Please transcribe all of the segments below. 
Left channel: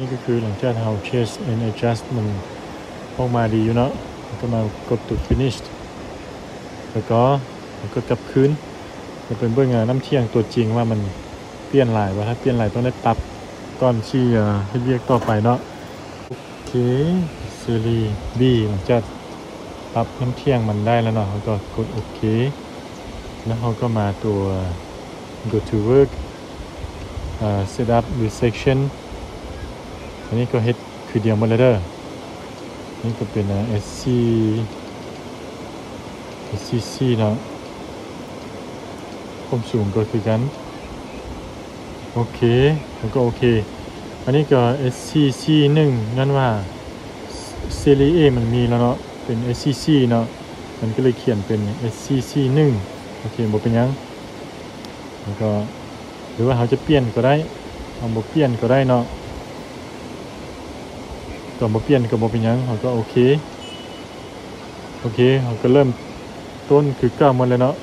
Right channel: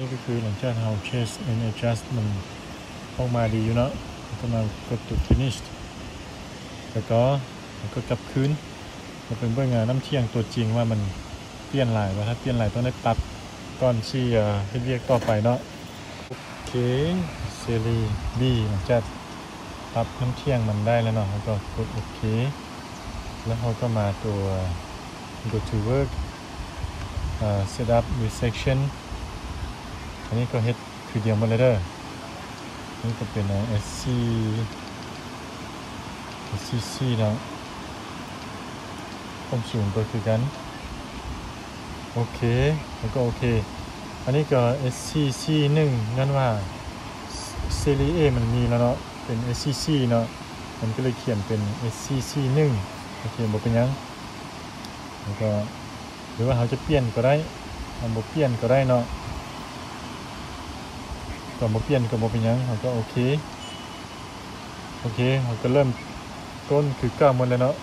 นี่ก็คือหลังจากเรา change and adjust มันออกมาดีอยู่เนาะก็มากดตัว finish แล้วก็กดกลับคืนจะเป็นเบื้องน้ำเที่ยงตัวจริงว่ามันเปลี่ยนหลายว่าถ้าเปลี่ยนหลายต้องได้ตัดก้อนที่ให้เรียกต่อไปเนาะโอเคซีรีส์ B หลังจากปรับน้ำเที่ยงมันได้แล้วเนาะก็กดโอเคแล้วเขาก็มาตัว go to work set up resection นี่ก็เฮ็ดคือเดียวมาเลยเด้อนี่ก็เป็นSCC เนาะความสูงก็คือกันโอเคแล้วก็โอเคอันนี้ก็ SCC 1นั่นว่า Series A มันมีแล้วเนาะเป็น SCC เนาะมันก็เลยเขียนเป็น SCC 1โอเคบ่เป็นยังแล้วก็หรือว่าเขาจะเปลี่ยนก็ได้เอาบ่เปลี่ยนก็ได้เนาะตัวบ่เปลี่ยนก็บ่เป็นยังเขาก็โอเคเขาก็เริ่มต้นคือเก้ามาเลยเนาะ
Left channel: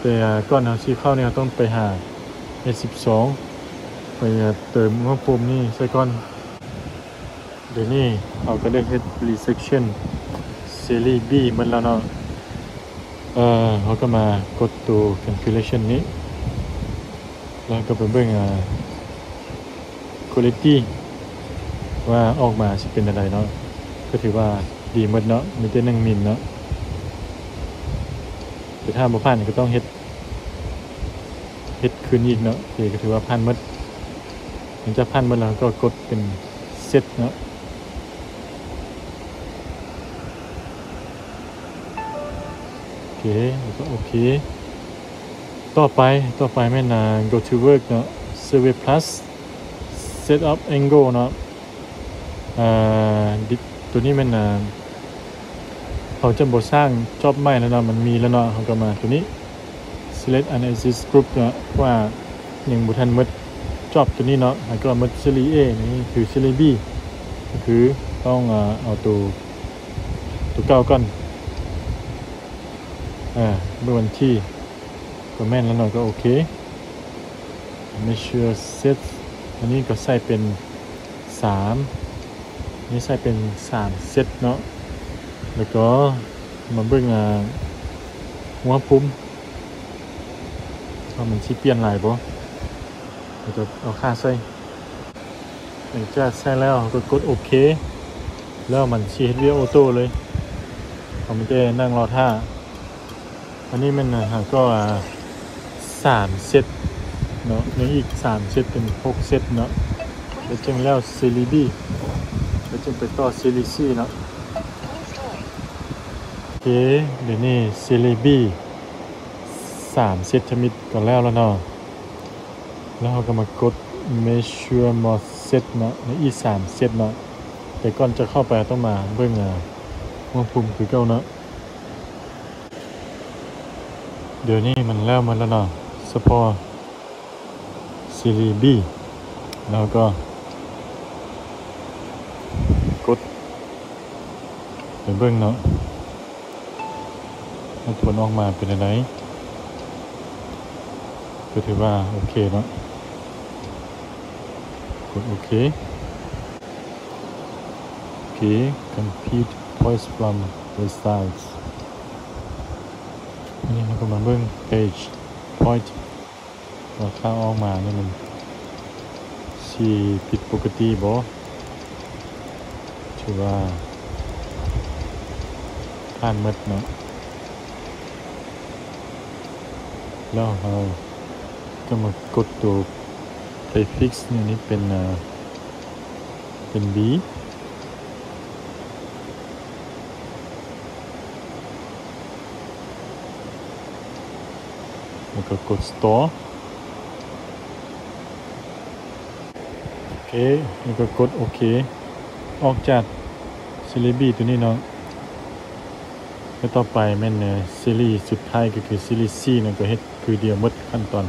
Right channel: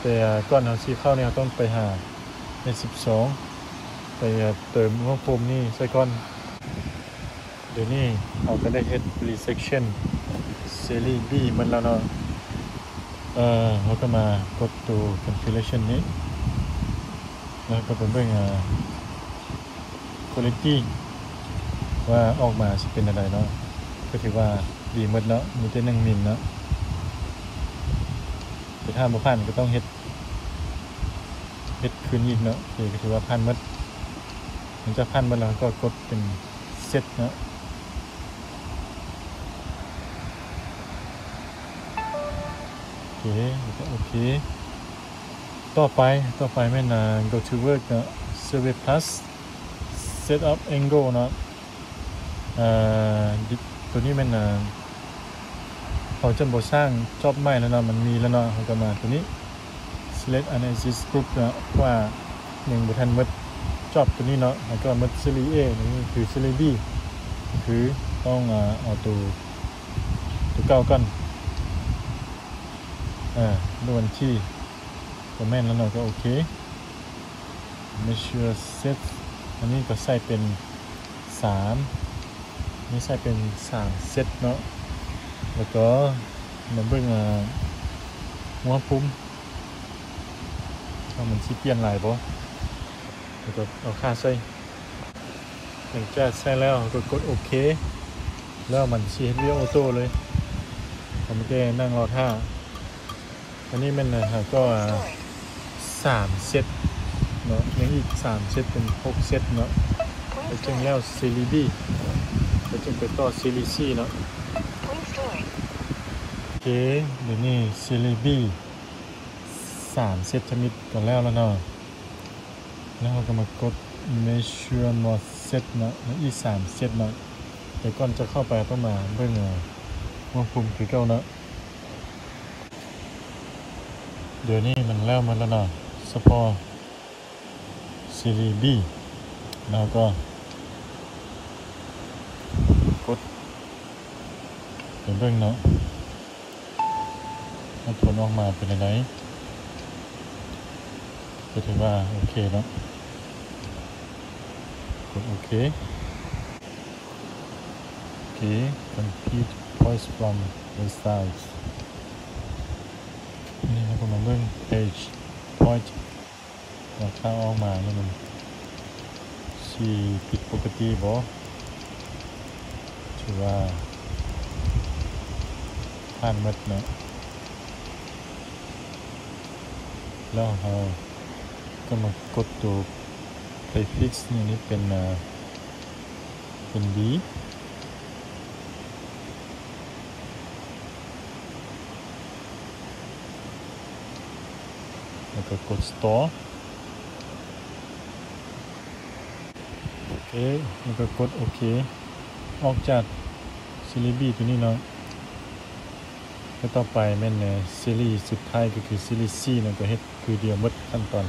แต่ก่อนทางซื้อเข้าเนี่ยต้องไปหา S12 เติมอุณหภูมินี่ใส่ก่อนเดี๋ยวนี้เราก็เรียก resection series B มันแล้วเนาะเขาก็มากดตัว configuration นี้แล้วก็ไปเบิ่งquality ว่าออกมาจะเป็นอะไรเนาะก็ถือว่าดีหมดเนาะมีแต่1 มิลเนาะแต่ถ้าบ่ผ่านก็ต้องเฮ็ดคืนอีกเนาะก็ถือว่าผ่านหมดมันจะผ่านหมดแล้วก็กดเป็นเซตเนาะโอเคต่อไปไม่นาน go to work เนาะ survey plus set up angle เนาะตัวนี้มันเขาจะบสร้างจอบใหม่แล้วเนาะมันมีแล้วเนาะเขาก็มาตัวนี้ select analysis group เนาะว่าอย่างบุทันมัดจอบตัวนี้เนาะแล้วก็มัด series A นี่คือ series B คือต้องเอาตัวเก่าก่อนโดนที่ตัวแม่นแล้วเนาะก็โอเค measure set อันนี้ก็ใส่เป็น3นี่ใส่เป็น3เซตเนาะแล้วก็มาเบิ่งหัวปุ่มว่ามันสิเปลี่ยนหลายบ่เอาค่าใส่จะใส่แล้วก็กดโอเคแล้วมันสิเฮ็ดวิดีโอออโต้เลยผมจะนั่งรอท่าอันนี้มันก็3เซตเนาะนี่อีก3เซตเป็น6เซตเนาะจนแล้วซีรีส์ B จนไปต่อซีรีส์ C เนาะโอเคเดี๋ยวนี้ซีรีส์ B 3เซตจะมีก่อนแล้วเนาะแล้วเราก็มากด measure more set เนาะอีก3เซตเนาะแต่ก่อนจะเข้าไปต้องมาเบิ่งอุณหภูมิคือเก่าเนาะเดี๋ยวนี้มันแล้วมันแล้วเนาะ support ซีรีส์ B แล้วก็กดไปเบิ่งเนาะให้ผลออกมาเป็นอะไรก็ถือว่าโอเคเนาะกดโอเค complete voice from results อันนี้มันก็มาเบิ่ง page point แล้วถ้าออกมานี่มันสิผิดปกติบ่ถือว่าผ่านหมดเนาะแล้วเราก็มากดตัวไปฟิกซ์นี่เป็นB แล้วก็กด store โอเคแล้วก็กดโอเคออกจากซีรีส์ B ตัวนี้เนาะแล้วต่อไปแม่นซีรีส์สุดท้ายก็คือซีรีส์ C มันก็เฮ็ดคือเดียวหมดขั้นตอน